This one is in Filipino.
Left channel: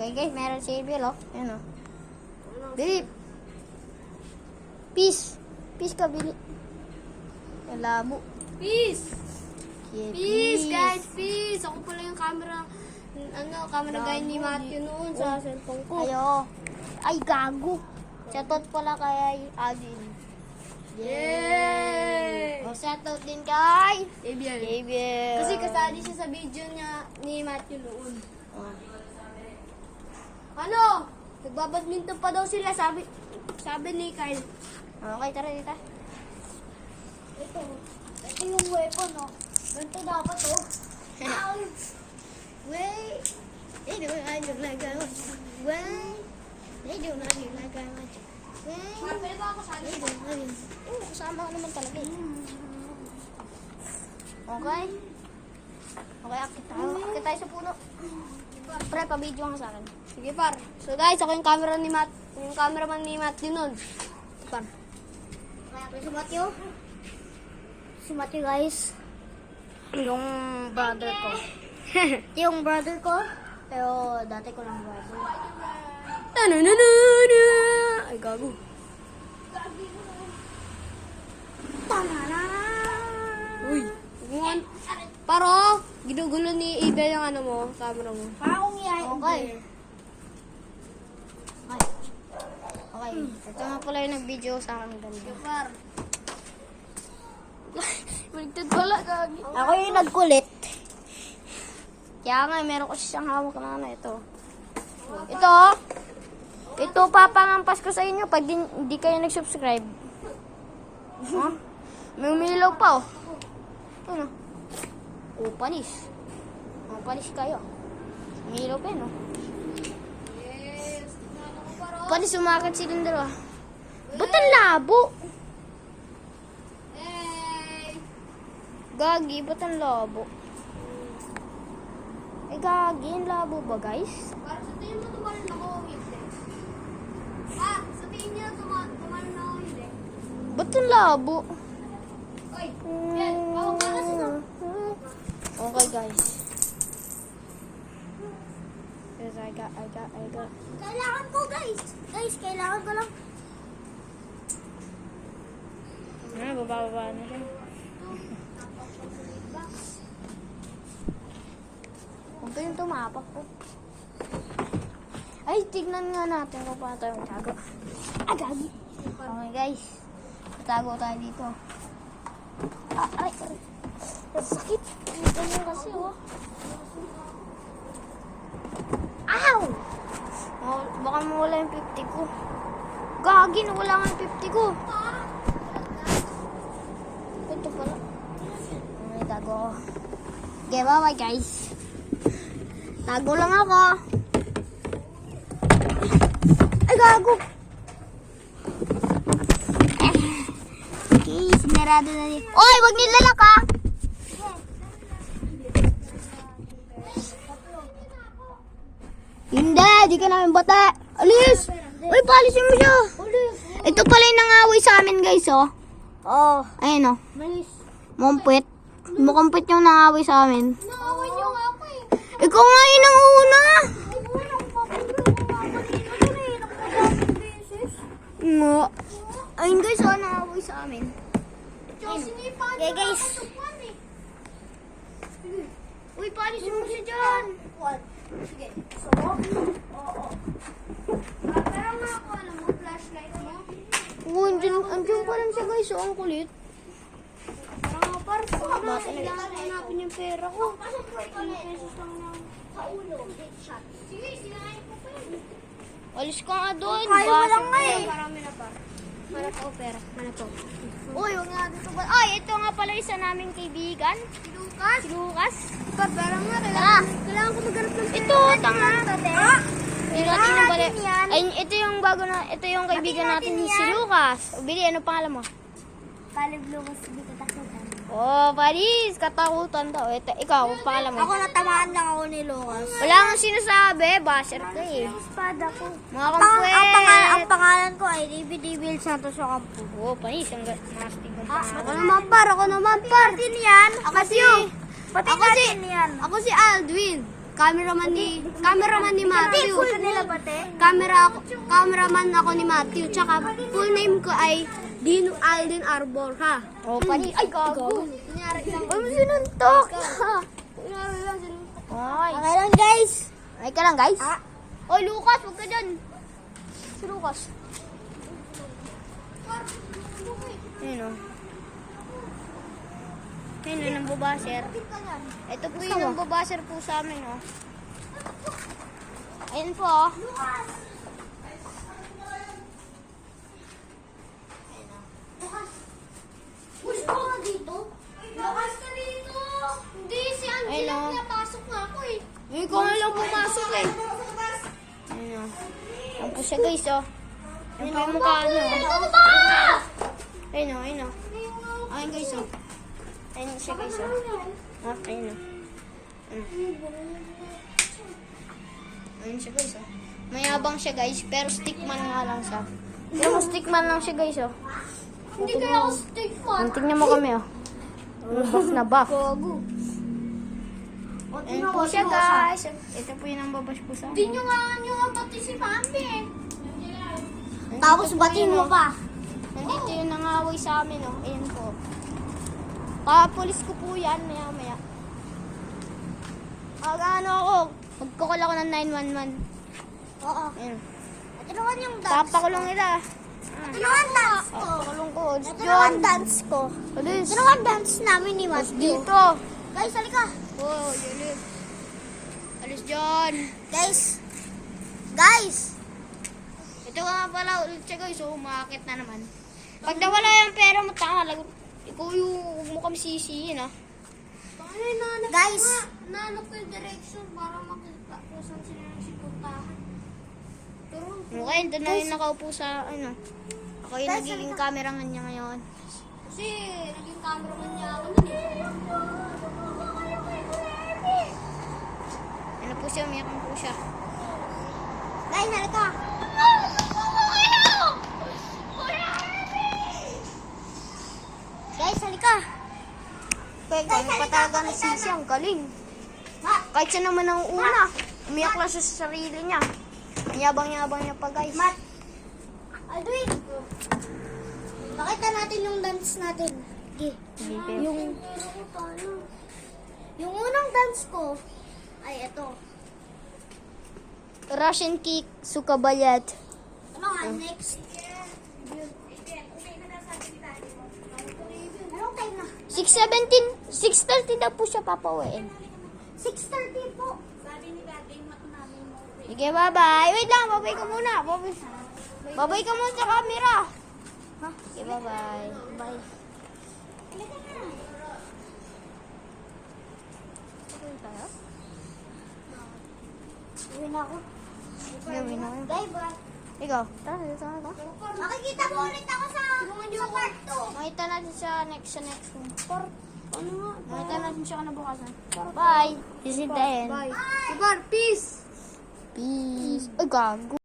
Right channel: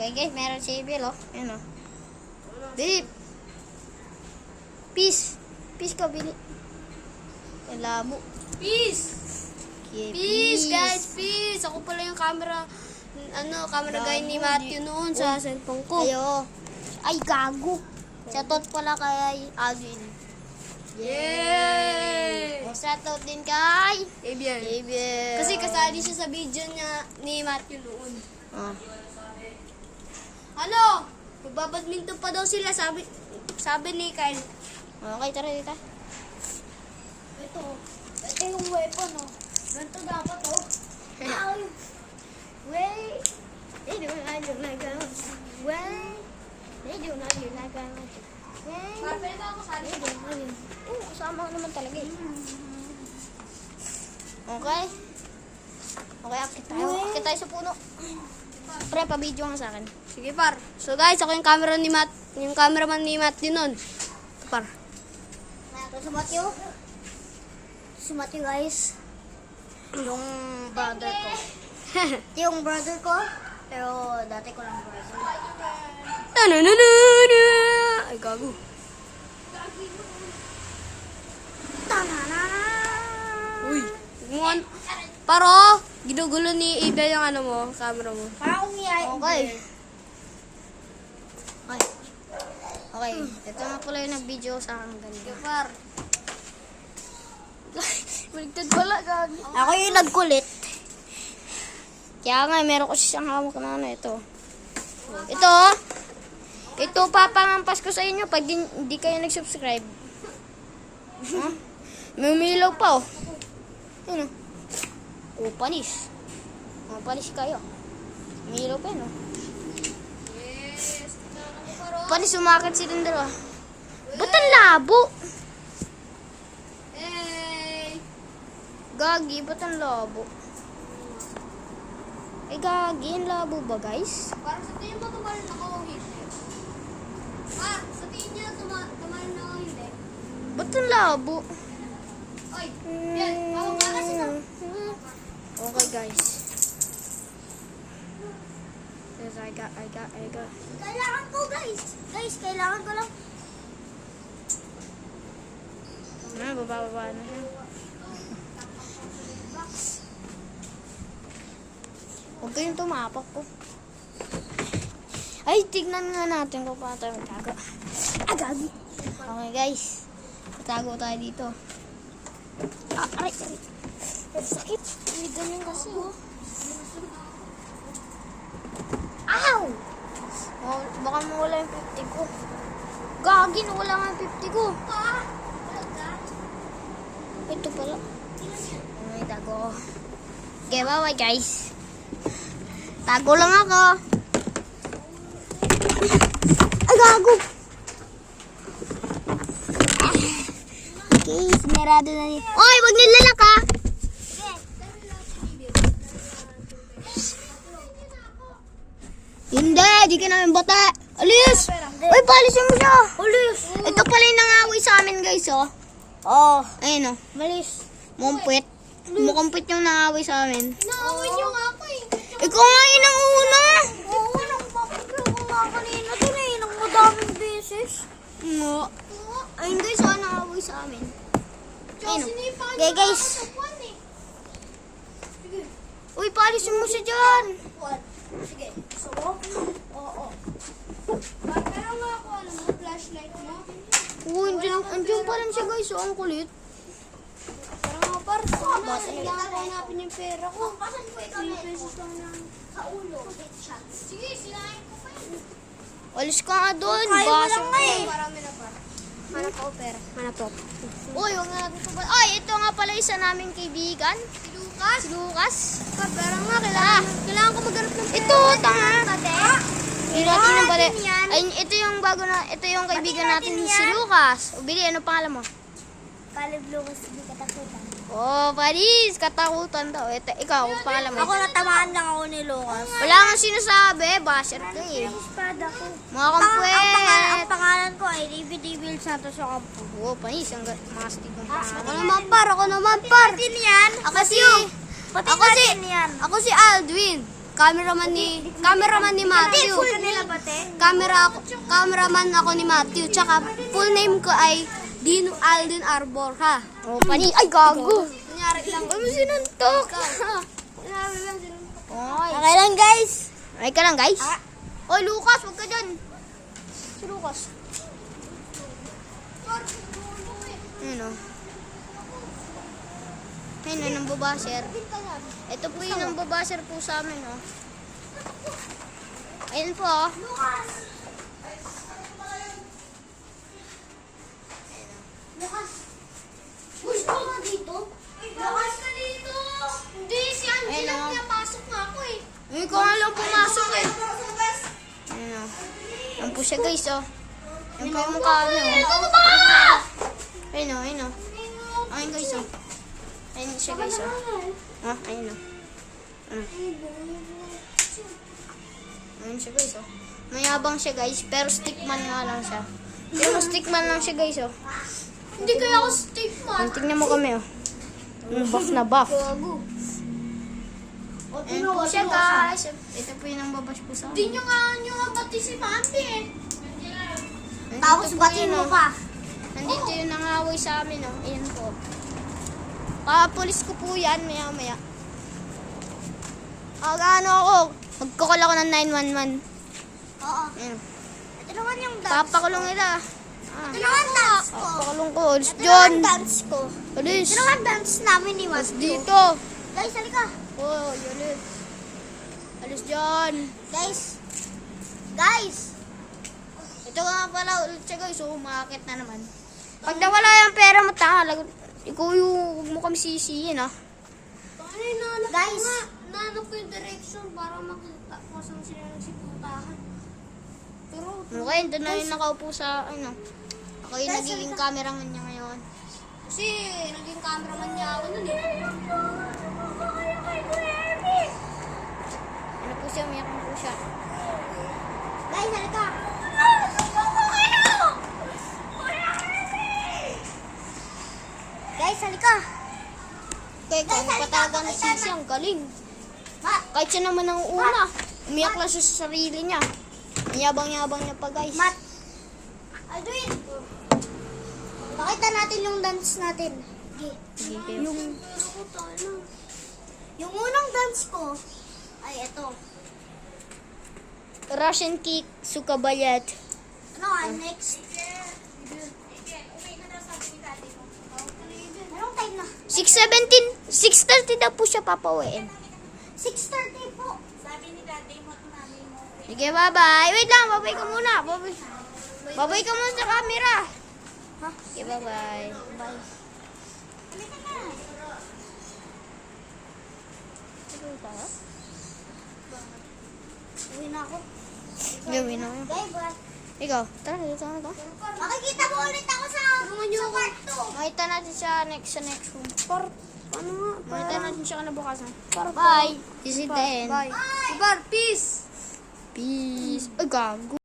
Okay guys, meron si Bill, oh. Ayan, oh. Bili. Peace. Peace ka, Bili. Ang labo. Peace! Okay, Peace, guys! Peace! Ako pala yung camera, camera guy ni Matthew noon sa cellphone ko. Ayo. Ay, gago. Shoutout pala kay Alvin. Yay! Shoutout din kay Abiel. Gabriel. Kasi kasali siya sa video niya ni Matthew noon. Ah. Ano? Nagbabadminton pa daw sila, sabi ni Kyle. Okay, tara dito. Ito yung weapon, oh. Ganito dapat, oh. Wait. They do not do like I want to. Wait. They do not do like I want to. Wait. Pwede ba ako sali? They do not do. Oo, kasama ka naman talaga eh. Okay. Okay, akit tayo. Akit tayo sa puno. Pre, pa-video nga sa akin. Sige, par. So, guys, ako yung cameraman ni Matthew noon. Par. Pre, si Matthew. Si Matthew, guys. Yung brother ko. Ito yung brother ko. Pero dati ko lang brother. Tananana! Ay, gago. Tanana! Uy. Paro, ginugulo ni Ibe yung camera mo. Parang yay. Okay. Okay. Ito nga pala yung nag-video sa akin ganda. Par. Baligtad pala, gagi. Ako yung nagkulit. Kaya nga, meron ko siyang hawak na ito. Ito, ito papangampas ko sa inyo pag hindi kayo nag-subscribe. Huh? May umilaw pa, oh. Ano? Oh, panis. Oh, panis kayo. Umilaw pa yun, oh. Yes. Ako, paro. Panis, umakit silang dalawa. Ba't ang labo? Hey. Gagi, ba't ang labo? Eh, gagi, ang labo ba, guys? Parang sa tingin mo tumalon na ako hindi. Sa tingin niya tumalon na ako hindi. Ba't ang labo? Oy, yan. Ako pa kasi na. Okay, guys. Yes, I got. Kailangan ko, guys. Guys, kailangan ko lang. Baba na siya. Huwag kayong tumapak ko. Ay, tignan nga natin kung paano tayo tago. Ah, gagi. Okay, guys. Tago tayo dito. Ah, aray. Sakit. Ganyan kasi, oh. Ow! Oh, baka mawala yung 50 ko. Gagi, nawala nga yung 50 ko. Ito pala. May tago. Okay, bye-bye, guys. Tago lang ako. Ay, gago. Okay, sinarado na yun. Oy, wag nilalak, ha? Hindi, di ka namin bata. Alis! Uy, palisin mo siya. Alis! Ito pala yung nangaway sa amin, guys, oh. Oh, Ayun, oh. malis. Mumpit. Mukumpit yung nangaway sa amin. Naawan niyo nga ako eh. Ikaw nga yun ang una. Oo, nakapagpapagpapag nga kanina doon eh. Nang madaming beses. Nga. Ayun, guys, oh, nangaway sa amin. Tsaka sinipan Okay, niyo guys. ako sa pan eh. Sige. Uy, palisin mo siya dyan. What? Sige. So, oo. Pero na ako, alam mo, flashlight mo. Oo, andyan pa rin siya, guys. Oh, ang kulit. Parang nga par. Bata na. Hanapin yung pera ko. 10 pesos lang na. Sa ulo. Sige, sinayin ko pa yun. Alis ka nga doon. Kaya mo lang nga eh. Marami na par. Hanap ako pera. Hanap ako. Uy, huwag nga dito ba? Ay, ito nga pala isa naming kaibigan. Si Lucas? Si Lucas. Kaya nga, Tara. kailangan ko maghanap ng Ito, tanga. Hindi natin yung bali. Ay, ito yung bago na, ito yung kaibigan natin si Lucas. O, Bili, ano pangalan mo? Caleb Lucas, hindi katakutan. Oh, Paris, katakutan daw. Ito, ikaw, pangalan mo? Ako natamaan lang ako ni Lucas. Wala nga sinasabi, basher ka eh. Espada ko. Mga kampwet. Ang pangalan ko ay David Evil Santos sa kampo. Oh, Paris, ang mastig ng pangalan. Ako naman par. Din yan. Ako si, Pati ako si, natin yan. ako si Aldwin. Cameraman ni Matthew. Full nila pati? Cameraman ako ni Matthew. Tsaka full name ko ay Dino Alden Arbor, ha? Oh, pani. Ay, gago. Kunyari lang. Ano sinuntok? Oy. Okay lang, guys. Ay ka lang, guys. Oy, Lucas, huwag ka dyan. Si Lucas. Ayun o. Ayun o, nang babaser. Ito po yung nang babaser po sa amin, o. Ayun po, o. Gusto ka dito? Lucas ka dito. Hindi, si Angela Ayun, oh. pinapasok nga ako eh. Ay, ko nga lang pumasok, eh. Ayun o. Yan po siya, guys, o. Yan po yung mukha niyo, o. Ito ba? Ayun o, ayun o. Ayun, guys, o. Ayun siya, guys, o. Oh, ayun o. Ayun siya, guys, o. Mayabang siya, guys, pero stickman nga lang siya. Pero mo stickman lang siya, guys, o. Hindi kaya ako steak man. Tingnan mo kami, oh. Yung buff na buff. Gago. Ayan po siya, guys. Ito po yung ang babash po sa Hindi amin. nyo nga pati si Mami eh. Nandito Tapos po batiin yun, mo oh. pa. Nandito yung nangaway sa amin, oh. Ayan po. Papulis ko po yan, maya-maya. Ano ako, magkukul ako ng 911. Oo. Ayan. Ito naman yung dance. Papakulong nila. Ito naman dance ko. Papakulong ko. Alis Ito dyan. naman dance ko. Alis. Ito naman dance namin ni Alis Matthew. dito. Guys, halika. Oh, alis. Alis dyan. Guys. Ito nga pala ulit siya, guys. So, umakit na naman. Pag nawala yung pera mo, tanga. Ikaw yung huwag mo kami sisihin, ah. Guys. Nahanap ko yung direction para makita kung saan sila nagsiputahan. Pero, Okay, doon na yung nakaupo sa, ano. Ako yung Guys, nagiging halika. cameraman niya ngayon. kasi naging cameraman niya ako nun eh. Ano po siya, umiyak po siya. Guys, halika. Guys, halika. Teka, ano pa talaga na sisi, ang galing. Kahit siya naman ang una, umiyak lang siya sa sarili niya. Yabang-yabang niya pa, guys. Mat. Aldwin. Pakita natin yung dance natin. Okay. Yung unang dance ko ay ito. Russian kick, sukabayat. Ano nga, next? Anong time na? 6:17, 6:30 daw po siya papauwiin. 6:30 po. Sabi ni daddy mo at mami mo. Sige, bye-bye. Wait lang, babay ka muna. Babay ka muna sa camera. Okay, bye-bye. Bye. Uwi na ako. Gawin ako. Bye, bye. Ikaw, tara, dito ako. Makikita mo ulit ako sa kwarto. Makita natin siya sa next room. Ano nga? Makita natin siya kanabukasan. Bye. This is the end. Bye. Bye. Peace. Peace. Ay, gago.